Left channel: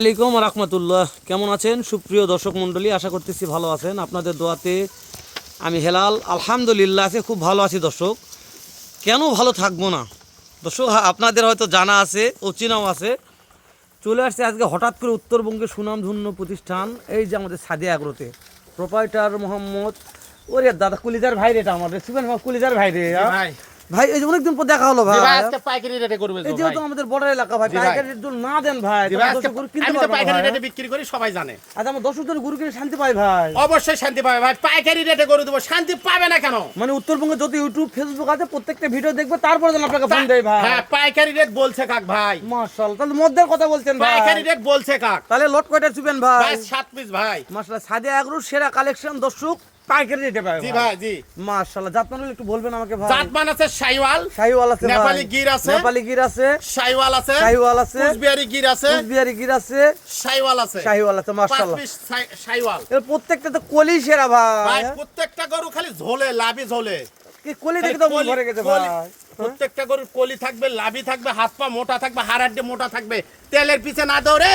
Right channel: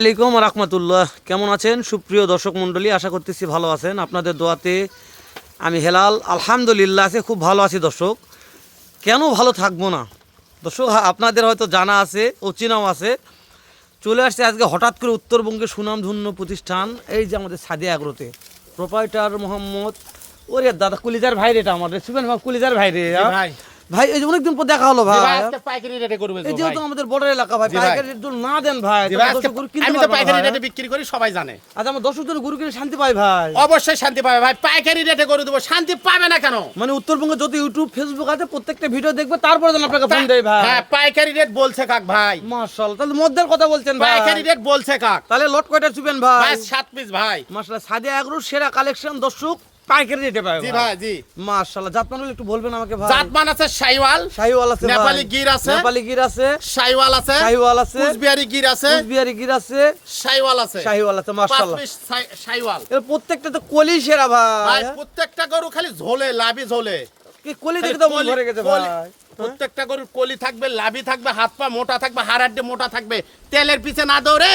আসসালামাইকুম রহমতুল্লাহ। কেমন আছেন সুপ্রিয় দর্শক মণ্ডলী? আশা করতেছি ভালো আছেন। আপনাদের দোয়াতে আমি হেলাল আলহামদুলিল্লাহ আছে, খুব ভালো আছি দর্শক। কেন ভালো থাকবো না দর্শক? আপনাদের হয়তো জানা আছে, অচেনাও আছে। চলে আসছে আজকে হঠাৎ করে উত্তরবঙ্গের সুনামধন্য প্রতিষ্ঠান এই যে আমাদের সাদিয়া এগ্রোতে প্রোপাইটার মোহাম্মদ, ওরে দাদা কুলিদার ভাই, এটা আমাদের শুভেন কুলিদার ভাই রে ভাই। এই যে অনেকদিন পর দেখা হলো ভাই, আজকে পাইকারি রেটে করবে এই যেহেতু আমাদের বর্ডার এলাকা ভাই, পাইকারি রেট যদি না দেন ভাই দর্শক গরু কিনতে পারবে না। পাইকারি রেটে বিক্রি করি সবাই জানে। আচ্ছা, আমার দর্শক জন গরু কিনে শান্তি পাই ভাই? অবশ্যই শান্তি পাবে ভাই, পাইকারি রেটে করে দেবো। শান্তি পাবে না কেন? মানে উত্তরবঙ্গে যত ইউটিউব ফেসবুক আছে প্রত্যেকটা ভিডিও দেখবে, তারপরে যেন আপনাকে ফোন দেয় ভাই। হ্যাঁ, পাইকারি রেট বলছে কাক ভাই। মাশাআল্লাহ, তাহলে মধ্যের কথা বলছেন ভাই। পাইকারি রেট বলছে কাক। তাহলে লট কয়টা চুবেন ভাই? ভাই 7 পিস ভাই। মাশাআল্লাহ, সাদিয়া এগ্রোর সেরা কালেকশন দর্শক পাইকারি দিতে পারবে। জি ভাই, জি মাশাআল্লাহ। জাতমান হলে একটু বলবেন আমাকে ভাই? জাতমান আছে শাইওয়াল, শাহিওয়াল আছে ভাই, নেপালি গির আছে, নেপালি গির আছে, শাইওয়াল আছে, শাহিওয়াল আছে, কুচবিহারি গির আছে, কুচবিহারি গির আছে, শাইওয়াল আছে, শাহিওয়াল আছে। 5 মাশাআল্লাহ, পিস শাইওয়াল। এর প্রত্যেকটা তো কলি সেরা ভাই। ভাই প্রত্যেকটা গরু খালি ঝোলে, লাভি ঝোলে। কি কলি দেখে তো মন ভরে গেছে ভাই। প্রত্যেকটা গরুর কলি থাকবে, লাভি থাকবে, হাত পা মোটা থাকবে, হাড়াড্ডি মোটা থাকবে। তেলের পিছে না দৌড়ে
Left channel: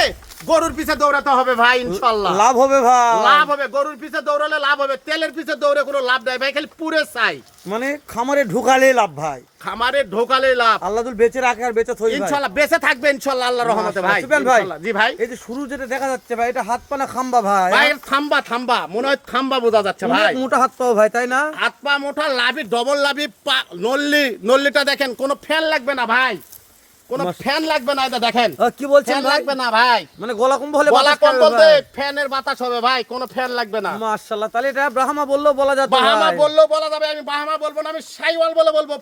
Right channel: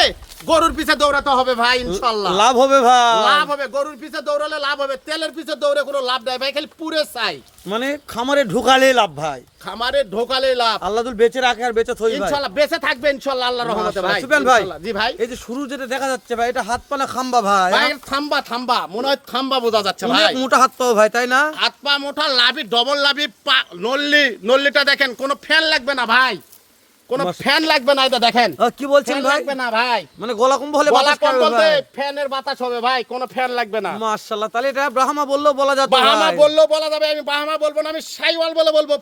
গরুর পিছে দৌড়াতে হবে ভাই, ইনশাআল্লাহ লাভ হবে ভাই, লাভ হবে। গরুর পিছে দৌড়ালে লাভ হবে, তেলের পিছে দৌড়ে কোনো লাভ নাই ভাই। খালি পুরে চাই, মানে খামারে ঢুকালে লাভ ভাই, খামারে ঢোকালে লাভ। আল্লাহ দুল বেঁচে রাখে আর বেঁচে থই ভাই। ইনশাআল্লাহ বেঁচে থাকবে ইনশাআল্লাহ, আল্লাহর রহমতে ভাই। সুবেন ভাই, ইনশাআল্লাহ। জি ভাই, এই যে শুরু যেটা দেখা যাচ্ছে ভাই, এটা হাত পা না খাম্বা ভাই? ভাই থাম্বা থাম্বা মনে হয়, থাম্বা বোঝা যাচ্ছে অনেক ভাই। মোটা হাত পাও ভাই, তাই না? হাত পা মোটা, লাভি ডবল লাভি, নল্লিটা দেখেন, কোনো ফ্যান লাগবে না ভাই, কোনো ফ্যান লাগবে না। এটা দেখেন কি বলছেন ফ্যান ভাই? লাগবে না ভাই, মানে গলা কম্বল হলে গলা বাতাস কম খাবে বলতে ভাই। ফ্যানের বাতাস হবে ভাই, কোনো ফ্যান লাগবে না। মাশাআল্লাহ, তাহলে এটা ব্রাহ্মা বললেও বলা যেত বাহামা ভাই। বললেও বলা যাবে। আমি বাহামা বলবো না, আমি শাইওয়াল বলবো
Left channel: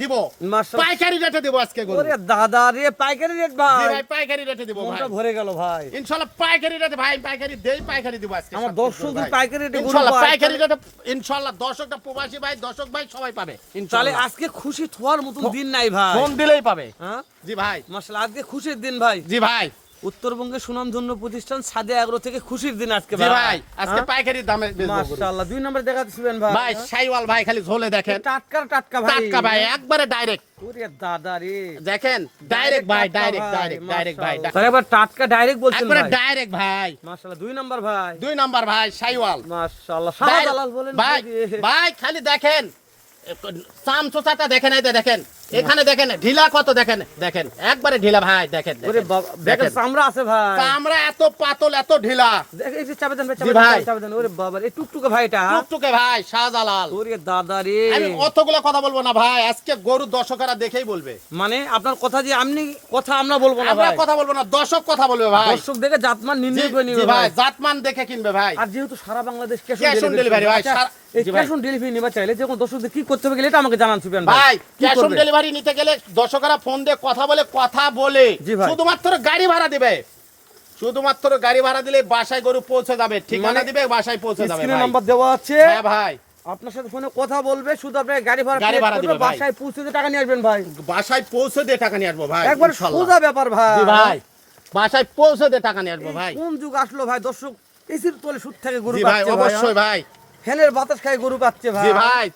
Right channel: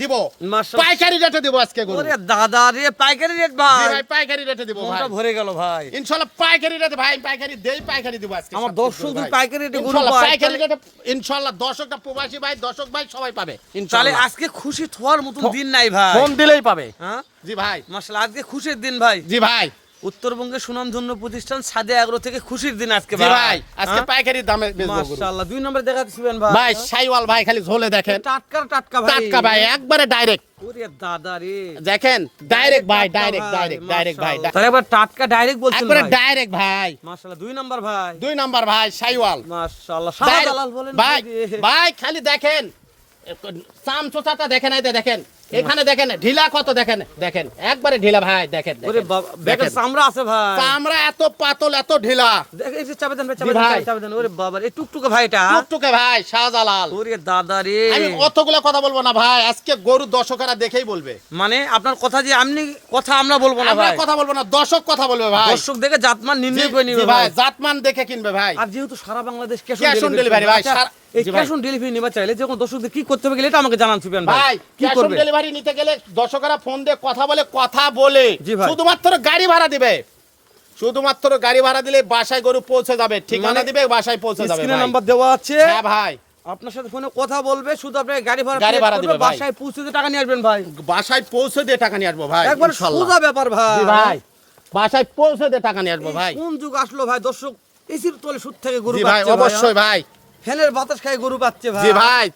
দিব। মাশাআল্লাহ, পাইকারি রেটে দিব আজকে গরু। ওরে দাদা রে, পাইকারি রেট জি ভাই, ভাই, পাইকারি রেটে দিব ভাই। মনটা ভরে গেল ভাই। ইনশাআল্লাহ পাইকারি রেটে ভাই, পাইকারি দেই, পাইকারি দিব আজকে। আমার সব দর্শক ভাই। পাইকারি রেটে গরু ইনশাআল্লাহ পায়, পাইকারি রেটে ইনশাআল্লাহ দর্শকটা, প্রবাসী ভাই, দর্শক ভাই সবাই পাবে তাহলে ইনশাআল্লাহ। আজকে খুশি হওয়ার মতন দিন নাই ভাই। ফোন দিলেই পাবে। হ্যাঁ জি ভাই, মাশাআল্লাহ, আজকে খুশির দিন ভাই। জি ভাই, উত্তরবঙ্গের সুনামধন্য প্রতিষ্ঠান সাদিয়া এগ্রো থেকে খুশির দিন আজকে জি ভাই। ভাই, আজকে পাইকারি দামে বেচবো গরু। মাশাআল্লাহ, 2 নম্বরে দেখাচ্ছিলেন ভাই। ভাই শাইওয়াল ভাই, খালি ঝোলে দেখেন, টাটকা টাটকা ভাই, টাটকা ভাই, একবারে ডাইরেক্ট ওরে দাদা রে, দেখেন, ডাইরেক্ট ভাই, টাটকা ডাইরেক্ট ভাই, ডাইরেক্ট ভাই, মাশাআল্লাহ। তাহলে একবার টাটকা ডাইরেক্ট বলছেন একবারে ভাই। ডাইরেক্ট ভাই। মাশাআল্লাহ, 2 নম্বর ভাই। 2 নাম্বার ভাই শাইওয়াল। মাশাআল্লাহ, সাদা দালাল বলেন ভাই, ভাই। ভাই খালি দেখেন, চাম চোচাটা দেখেন, এই যে দেখেন, এখানে দেখেন ঢিলা কত, দেখেন দেখেন, একবারে ঢিলা ভাই, দেখেন ওরে বাবা, ব্যাগের চামড়া আছে ভাই। চামড়া এত পাতল, এত ঢিলা। দেখ এই যে চাপে দেন ভাই, জি ভাই। চাপে দেন। ওরে বাবা, এই টুকটুকে ভাই এটা। টুকটুকে ভাই, শাহজালাল। ওরে দাদা রে, আমি অতগুলো কথা বলবো না ভাই, আজকে গরু দর্শকেরা দেখেই বলবে। মানে আপনার কথা যে আপনি কথা আমরা বলবো না আমরা ভাই, কথা বলবো না, দর্শক কথা বলবে ভাই। দর্শক দেখে জাতমান নির্ণয় করে জি নিবে ভাই। ভাই, জাতমান দেখে কিনবে ভাই। আর যেহেতু সারা Bangladesh cash Cash on on delivery delivery ভাই, এই জি ভাই। ক্যাশ অন ডেলিভারি নিবা চাইলে যখন দর্শকদের কি করতে হবে গেলে এটা আমাকে জানান সুবেন ভাই ভাই। কি ক্যাশ অন করবে? ডেলিভারি নিতে গেলে দর্শকেরা ফোন দিয়ে কথা বলে জি ভাই। শুধুমাত্র গাড়ি ভাড়া দিবে, শুধুমাত্র গাড়ি ভাড়া দিলে বাসায় গরু পৌঁছে যাবে, ঠিকানা মানে দিবে, বাসায় পৌঁছে যাবে স্ক্রিনে ভাই। নাম্বার দেওয়া আছে, হ্যাঁ ভাই, আপনার সাথে ফোনে কথা বলবে, শুধু আপনি গাড়ি ভাড়া গাড়ি pay ভাড়া করবে, দিবে ভাই। বাসায় পৌঁছে দিয়ে টাকা নিয়ে আসবেন ভাই। বাসায় পৌঁছে দিয়ে টাকা নিয়ে আসবো ভাই, একবার ইনশাআল্লাহ। সোজা ব্যাপার ভাই। জি ভাই, বাসায় পৌঁছে দিয়ে টাকা নিয়ে আসবো ভাই। কোন যুগ আসলো ভাই, দর্শক এসির তলে সুদ থেকে গরু জি ভাই, পাচ্ছে ভাই, অবশ্যই ভাই। ফ্যানের বাতাস খায় গরু পাচ্ছে ভাই। জি ভাই,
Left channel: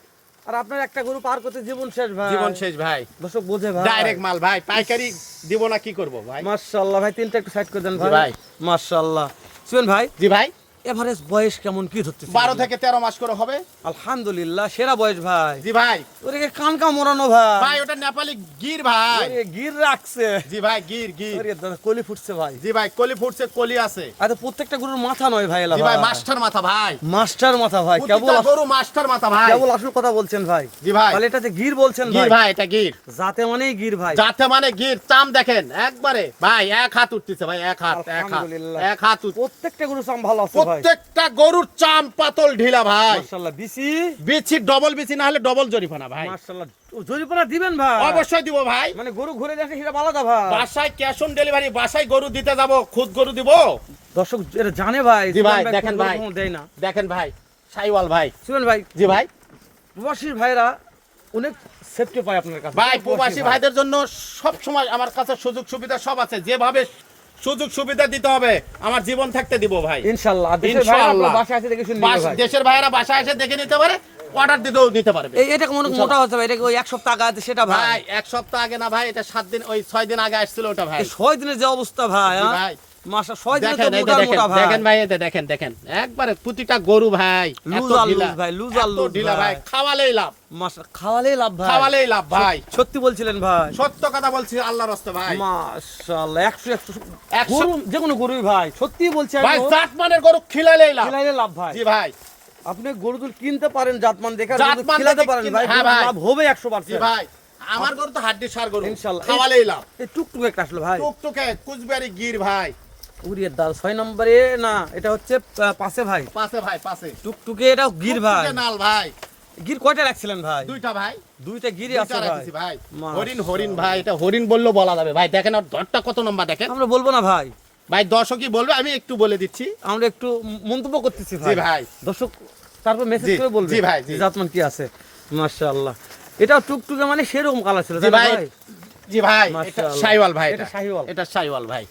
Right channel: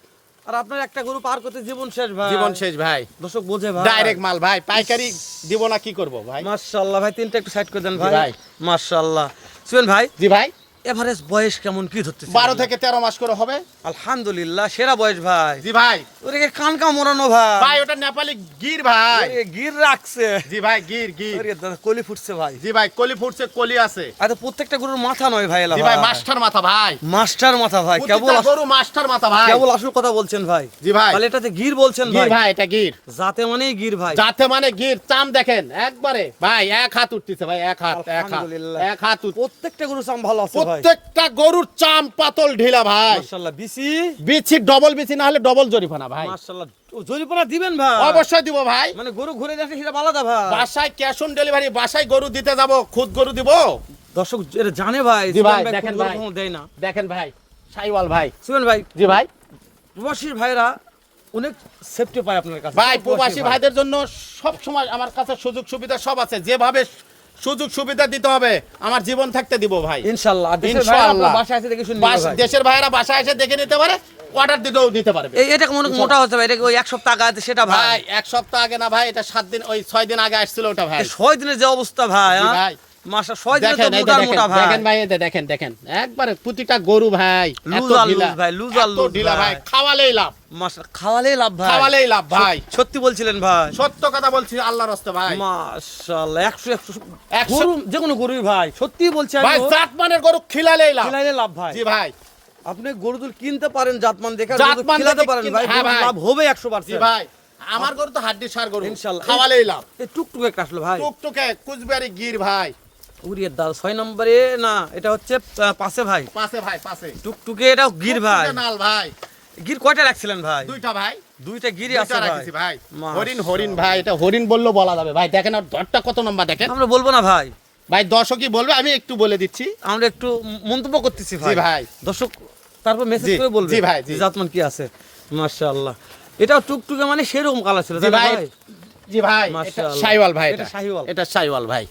আর আপনার একটা গরু পার করতে জীবন শেষ ভাই। জীবন শেষ ভাই। দর্শক বোঝে ভাই। ডাইরেক্ট মাল ভাই, পাইকারি দিব না, কি করব ভাই। মাশাআল্লাহ ভাই, তিনটা একটু সাইড করে দেন জি ভাই। ভাই। মাশাআল্লাহ। সুবেন ভাই, জি ভাই, এভারেজ বয়স কেমন কি ধরতেছে? 12 থেকে 13 মাস করে হবে। আলহামদুলিল্লাহ, সেরা বয়স ভাই। জি ভাই, ওরে কানকা মোড়ানো ভাই। ভাই ওটা নেপালি গির ভাই। ওরে গির রাখছে। জি ভাই, গির। ওরে দাদা, কলি ফুটছে ভাই। জি ভাই, কলি ফুটছে, কলি আছে। আর তো প্রত্যেকটা গরুর মাথা নয় ভাই, এলা জি ভাই, ভাই। মাস্টার মাথা ভাই, মাস্টার মাথা ভাই, কেবল প্রতিটা গরু মাস্টার মাথা ভাই। কেবল আসল কথা বলছেন ভাই। জি ভাই, তাহলে এটাতে গির বলছেন গির ভাই। ভাই, এটা গির। জাতে মানেই গির ভাই। যাতে মানে গির, চাম দেখেন একবারে ভাই, এক হাত উঠতেছে ভাই, এক হাত, আলহামদুলিল্লাহ। এক হাত প্রত্যেকটা গরুর চাম ভালো আছে ভাই। প্রত্যেকটা গরুর চাম পাতল ঢিলা ভাই। মাশাআল্লাহ, বিসি বিচি ডবল বিচি না হলে ডবল জরিফানা ভাই। মাশাআল্লাহ, জরিপানা দিবেন ভাই? অবশ্যই দিব ভাই। মানে গরু ঘুরে যাচ্ছে সেটা আলাদা ভাই। বাসায় ক্যাশ অন ডেলিভারি, বাসায় গরু দিতে যাব, খুদ গরু দিব। দর্শক এটা জানে ভাই। জি ভাই, সুবেন দেখেন গরু ভাই। কখনো দেয় না। দেখেন ভাই, সাইওয়াল ভাই। সুবেন ভাই, জি ভাই, প্রবাসীর ভাইরা অনেক সেফটি পায় আপনার কাছে। ভাই প্রবাসী ভাইদের জন্য সব সময় আমার কাছে সুযোগ সুবিধা সব আছে, যেভাবে সুযোগ সুবিধা দিতে হবে আমার জীবন থাকতে দিব ভাই, ইনশাআল্লাহ। আর দেশের ভাইরা ইনশাআল্লাহ। আপনার বাসায় এসে দেখে শুনে নিবে ভাই। দেশের ভাইয়েরা বাসায় এসে দেখে নিতে পারে, অর্ডার দিতেও দিতে পারবে। এটা অনেক মোটা হচ্ছে ভাই, এটা ওই 1 সপ্তাহ আগে আছে সেটা ভাই। ভাই 1 সপ্তাহ আগে না ভাই, এটা 7 দিন, ওই 6 দিন আগে আসছিল ওটা ভাই। এই 6 দিনের যে অবস্থা ভাই, জি হ্যাঁ? ভাই, মাশা 6 দিনে তো দেখেন এই যে মোটা দেখেন, মোটা ভাই। দেখেন ভাই এই যে দেখেন দেখেন একবারে প্রতিটা গরু ভাই লুজ এত আর ঢিলা, লুজ ভাই, লুজ আর এত লুজ ঢিলা ভাই। খাওয়ালেই লাভ, মাশা খাওয়ালেই লাভ ভাই। খাওয়ালেই লাভ ভাই। সত্যি বলছিলেন ভাই। সত্য কথা বলছি আল্লাহর রাস্তে ভাই। মাশাআল্লাহ 100 একশো। গরু যে কোনো গরুই ভাই সত্যি বলছি ভাই আমি জাতমানের গরু খিলালেই লাভ। খিলাইলে লাভ ভাই। জি ভাই। আপনি গরু দুল কিনতে পারেন জাতমান দেখে, আর গরু জাতমান খিলাতে দেখে পারেন কিন- ভাই, হ্যাঁ গরুর ভাই। লাভ হবে জি 100%। ভাই। আমার গরু তো হাড্ডি সার গরু। ইনশাআল্লাহ। খাওয়ালেই লাভ। এই টুকটুক একটা আসলো ভাই। টুকটুকে কুচবিহারি গির ভাই। উড়িয়ে দাও 6 নম্বরে না, এটা হচ্ছে পাশে ভাই। পাশে ভাই পাশে। টুকটুকে এটা গির ভাই। টুকটুকে নাল ভাই। গির কয়টা রাখছিলেন ভাই? দুইটা ভাই। দুইটা গিরই আছে দুইটা ভাই। রাখছি ভাই। মাশাআল্লাহ। হরিণ হরিণ ভাই, এটা হরিণ বললেও বলা যাবে ভাই। দেখেন আর ধরটা কত লম্বা দেখেন। আমরা বলবো না ভাই, ভাই দর্শকই বলবে, আমি একটু বলে দিচ্ছি। আমরা একটু মন্তব্য করতেছি ভাই। জি ভাই। দর্শক তারপর মেসেজ জি, করে বলবে জি ভাই, জি। জাতমান কি আছে। মাশাআল্লাহ। এটা টুকটুকে মানে সেরকম কালার ছিল জি তাই না ভাই। ভাই? জি ভাই, এটা মাশাআল্লাহ। শাইওয়াল ভাই। এটা শাহিওয়াল। এটা শাইওয়াল ভাই।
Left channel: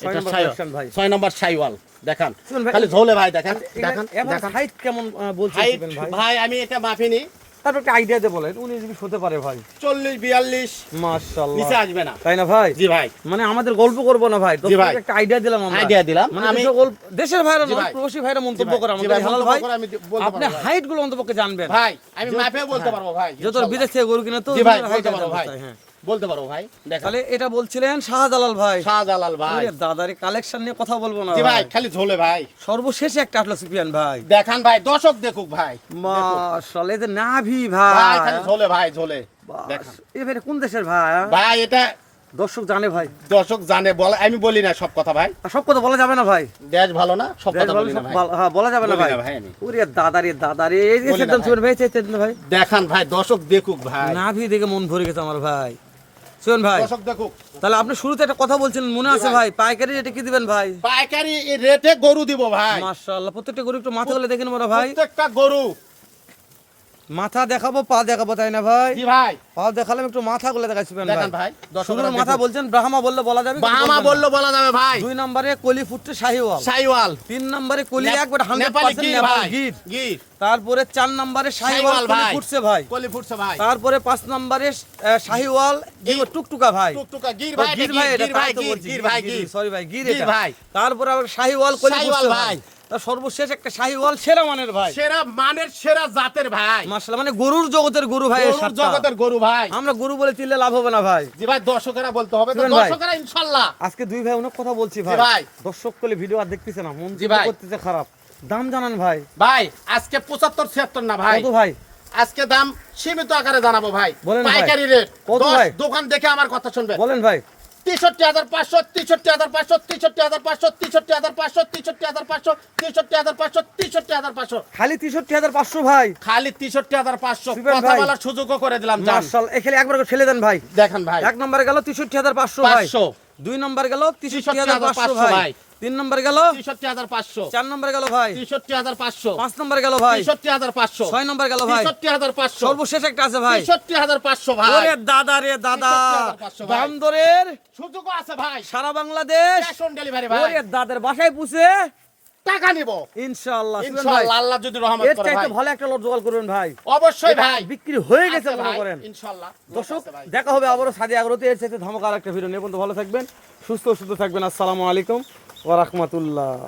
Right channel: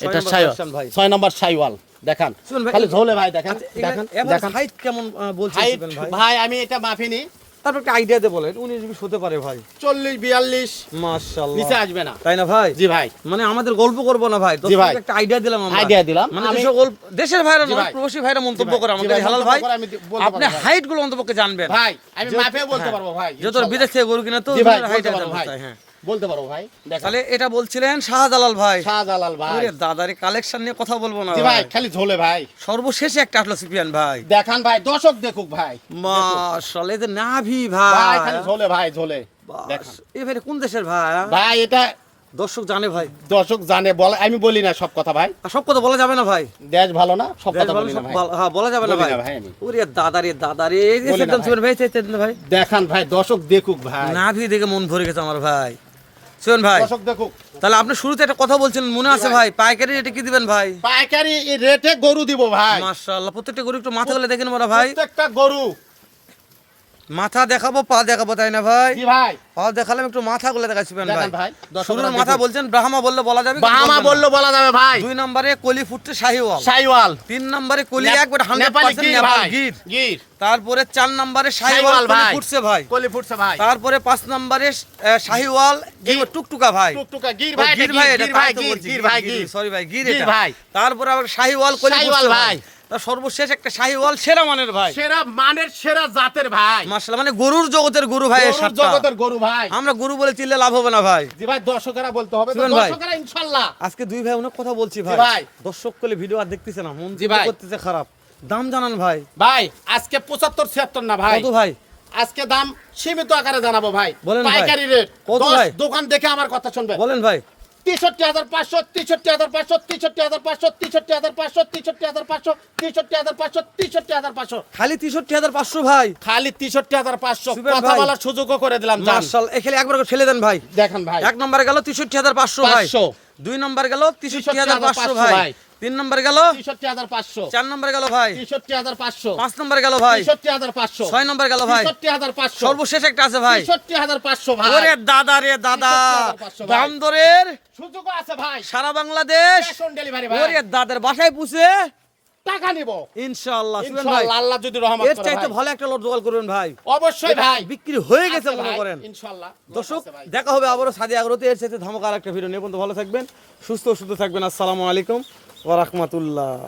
ছয় এটা নম্বর শাইওয়াল version ভাই। 6 নম্বর শাইওয়াল। দেখান শুনুন ভাই, খালি ঝোলে ভাই দেখেন আচ্ছা, দেখেন এবার দেখেন। হাইট কেমন বলছেন হাইট শিবেন ভাই? ভাই আমি এটা মাপিনি। তারপর একটা আইডিয়া দিয়ে বলেন 19-20 হতে পারে ভাই। 40 42 মাশাআল্লাহ। নিচে আসবে না। তাই না ভাই? জি ভাই। মানে আমাদের গল্প করব না ভাই, জি ভাই। দর্শকদের একটা আইডিয়া দিলাম আমরা। আইডিয়া দিলাম। মানে আমি সকল দেশের ভাইরা জি নয়, ভাই। প্রবাসী ভাইরা মন্তব্য জি ভাই, করে জি আমাদের ভাই, হালাল মন্তব্য ভাই। করে আমি বলতে আপনি পারবো ভাই। হাইট গুলো অন্তপক্ষে জানবেন ভাই আমি মাপেও বলতে হ্যাঁ। পারবো ভাই। যত বিদেশ থেকে গরু কিনে তো জি ভাই, হাইট বলতে পারবো ভাই। হ্যাঁ। বলতে পারবো ভাই। দেখেন তাহলে এটা বলছিলেন শাহজালাল ভাই। শাহজালাল ভাই। ওরে দাদারে কালেকশন নিয়ে কথা বলবো না জি ভাই ভাই। খালি ঝোলে ভাই। সর্বশেষে একটা আসলো সুফিয়ান ভাই। দেখান ভাই দর্শক দেখুক ভাই। মাশাআল্লাহ, এদের নাভি ভাই ভাই। খালি ঝোলে ভাই ঝোলে। বাস, দেখান। এ ভাই কোন দেশের ভাই? ভাই এটা দর্শক জানে ভাই। দর্শক জানে, বলা আমি বলি না সব কথা ভাই। আর সব কথা বলা যাবে না ভাই। দেশ ভালো না সব দেশ কথা ভালো, বলি সব না ভাই। ভালো, হ্যাঁ বলা যাবে না বলি ভাই। না ভাই আমি। ওরে দাদারে এই যে বলি না সেদিন ভাই। সুমন ভাই সেদিন ভাই দেখান ভাই দর্শক দেখুক ভাই। নাভি দেখে মন ভরে গেছে আমার ভাই। সুমন ভাই, দর্শক দেখুক। তাহলে আপনি শুরুতে একটা কথা বলছিলেন মনে আছে ভাই। ভাই, পাইকারি রেটে কি দিবেন ভাই? পাইকারি রেটে গরু দিব ভাই। মাশাআল্লাহ, প্রত্যেকটা গরু একটু মাথা গুলো দেখেন মোরা ভাই। প্রত্যেকটা গরু। মাথা দেখাবো, পা দেখাবো, তাই না ভাই? জি ভাই। পা দেখালাম একটু মাথা গুলো দেখাচ্ছিবেন ভাই। দেখান ভাই। দর্শকরা শুরুর দেখুক। মাথা বলছেন ব্রাহ্মা বললে বলা যাবে, কিন্তু বাহামা বলবেন না। বললো বলা যাবে ভাই। 2 নম্বরে কলি ফুটছে শাহিওয়াল, শাইওয়াল। 3 নম্বরে কলি একবার নেপালি 100% গির নেপাল ভাই। গির, গির। তারপরে 4 নম্বরে শাহিওয়াল শাহিওয়াল কলি ভাই। ফুটছে ভাই, কলি ফুটছে ভাই। তারপরে 5 নম্বরে শাহিওয়াল টুকটুকা ভাই। টুকটুকা গির ও, ভাই। গির ভাই, এটা গির তাই ভাই, তো গির, বলছি, গির ভাই, গির। সরি ভাই, গির গির এটা। ভাই। তারপরে আবার শাহিওয়াল কলি শাহিওয়াল ফুটছে ভাই। ভাই। তার সর্বশেষ একটা শাহিওয়াল সেরা মানের ভাই। সেরা মানের সেরা জাতের ভাই। মাশাআল্লাহ, মানে গরুর জগতের গরু ভাই এই গরুর সাতটা। জগতের গরু ভাই। আমরা গরু বলে চিল্লে লাভ হবে না ভাই। জি ভাই দর্শকেরা বলতে হবে তো, শুনুন ভাই। দর্শকেরা ইনশাআল্লাহ। আজকে দুই ভাই অনেক কথা বলছি ভাই, ভাই। দর্শক কলে ভিডিও আর দেখতেছে না, মন জি ভাই। করতেছে খারাপ। দাম জানান ভাই। ভাই আজকে 75 76 না ভাই। কত ভাই? আজকে দাম সীমিত আকারে জানাবো ভাই। বলেন ভাই। পাইকারি রেট কত 10 ভাই? দোকান দেখে আমার কথা শুনবেন। বলেন ভাই। 63500 63500 63500 63500 63500 63500 63500 খালি 63,500 ভাই। খালি 63500 সুবেন কথা ভাই। বলার সুযোগও করে দিলাম জান। মাশাআল্লাহ, এখানে একবার করে ঠেলে দেন ভাই। দেখেন ভাই। 1 নম্বরে গেল 63,500 ভাই, 500 2 নম্বর গেল 63,500 ভাই, ভাই। 3 নম্বর গেল 63500 4 নম্বর গেল ভাই, 63500 5 নম্বর গেল ভাই, 63500 6 নম্বর গেল ভাই, 63500 সর্বশেষ একটা আছে ভাই। 63500 ভাই। ওরে দাদা রে দাদা, 63,500 ভাই। দাম দরের সুযোগও আছে ভাই। সারা বাংলাদেশ, ক্যাশ অন ডেলিভারি ভাই। ওরে দাদার বাসায় পুষে টাকা নিব ইনশাআল্লাহ। সুবেন ভাই, ইনশাআল্লাহ, আল্লাহ যদি রহমত এর করে চাইতে ভাই। ভালো একটা লট জোগাড় করবেন ভাই। অবশ্যই এটা ভাই। বিক্রি হয়ে গেছে আছে মনে ভাই, করেন। ইনশাআল্লাহ। দর্শক আছে ভাই। দেখা হবে আবারও সাদি আগ্রহতে, এর সাথে ধামাকা আর একটা ভিডিও নিয়ে। পর্যন্ত ভালো থাকবেন, সুস্থ থাকবেন। আসসালামু আলাইকুম ওয়া রাহমাতুল্লাহ।